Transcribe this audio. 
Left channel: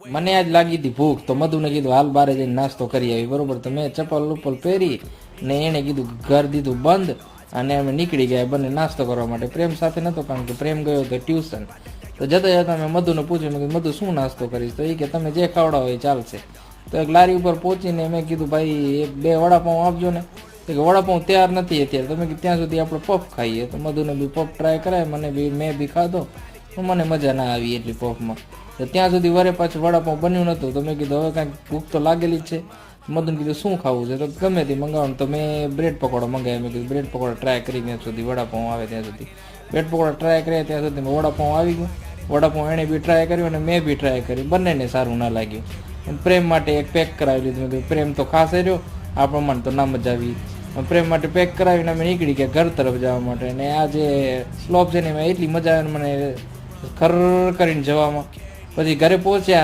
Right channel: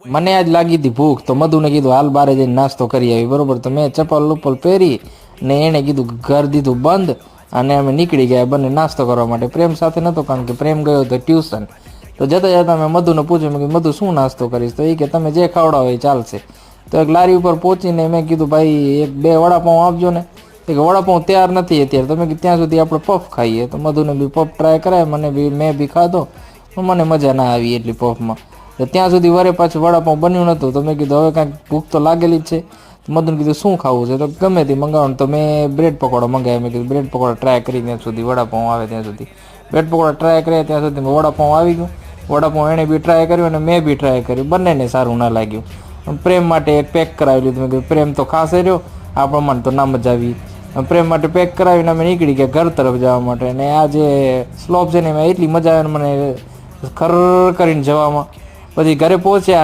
મને આજ લાગી હતી ભૂખ, તો મધુને કીધું હાલ બારે જઈને નાસ્તો કરી આવી, બરોબર. તો મેં ચપ્પલ ઉપ્પલ પહેરી ને એણે કીધું ઘર દીધું બંધ, અને અમે નીકળી ગયા બંને નાસ્તો કરવા માટે. પ્રેમ સાથે નહોતો, કારણ કે પ્રેમ ગયો હતો ટ્યુશન. તો જતા જતા મેં મધુને પૂછ્યું, મેં કીધું મધુ શું નાસ્તો કરીશ? તો એ કે તમે જે ખવડાવો એ ચાલશે. તો એક લારી ઉપર પહોંચીને મેં કીધું ભાઈ એક બે વડાપાઉં આપજો ને. કે વડાપાઉં તૈયાર નથી અત્યારે, તમે ત્યાં સુધી આપણે પફ ખાઈએ. તો મધુને બી પફ ટ્રાય કરાય, મેં બી ખાધો, પણ મને મજા ના આવી એટલી પફમાં. તો ત્યાં સુધી વરે પાછું વડાપાઉં બન્યું નહોતું. તો મેં કીધું હવે કાંઈક ભૂખ તો લાગેલી જ છે. મધુને કીધું શું ખાવું છે? તો ગમે તે મંગાવવાનું. તો મેં બ્રેડ પકોડા મંગાવ્યા. મેં કીધું બ્રેડ પકોડા ટ્રાય કરી ત્યાં સુધી વડાપાઉં આવે ત્યાં સુધી. બ્રેડ પકોડા ટ્રાય કર્યા ત્યાં સુધી વડાપાઉં આવી ગયું. વડાપાઉં એણે બી ટ્રાય કર્યું અને મેં બી ટ્રાય કર્યું, બંનેને સારું ના લાગ્યું. પ્રેમ માટે એક પેક કરાવી લીધું. મેં કીધું પ્રેમ તો ખાસે રહ્યો, આ પ્રમાણે તો ના મજા આવી. પ્રેમ માટે પેક કરાવીને અમે નીકળી ગયા ઘર તરફ જવા માટે. અને આ જે સ્લોપ છે ને એમાં એટલી મજા આવે ને મને ખર કરીને જવામાં. પછી ઘરે પહોંચ્યા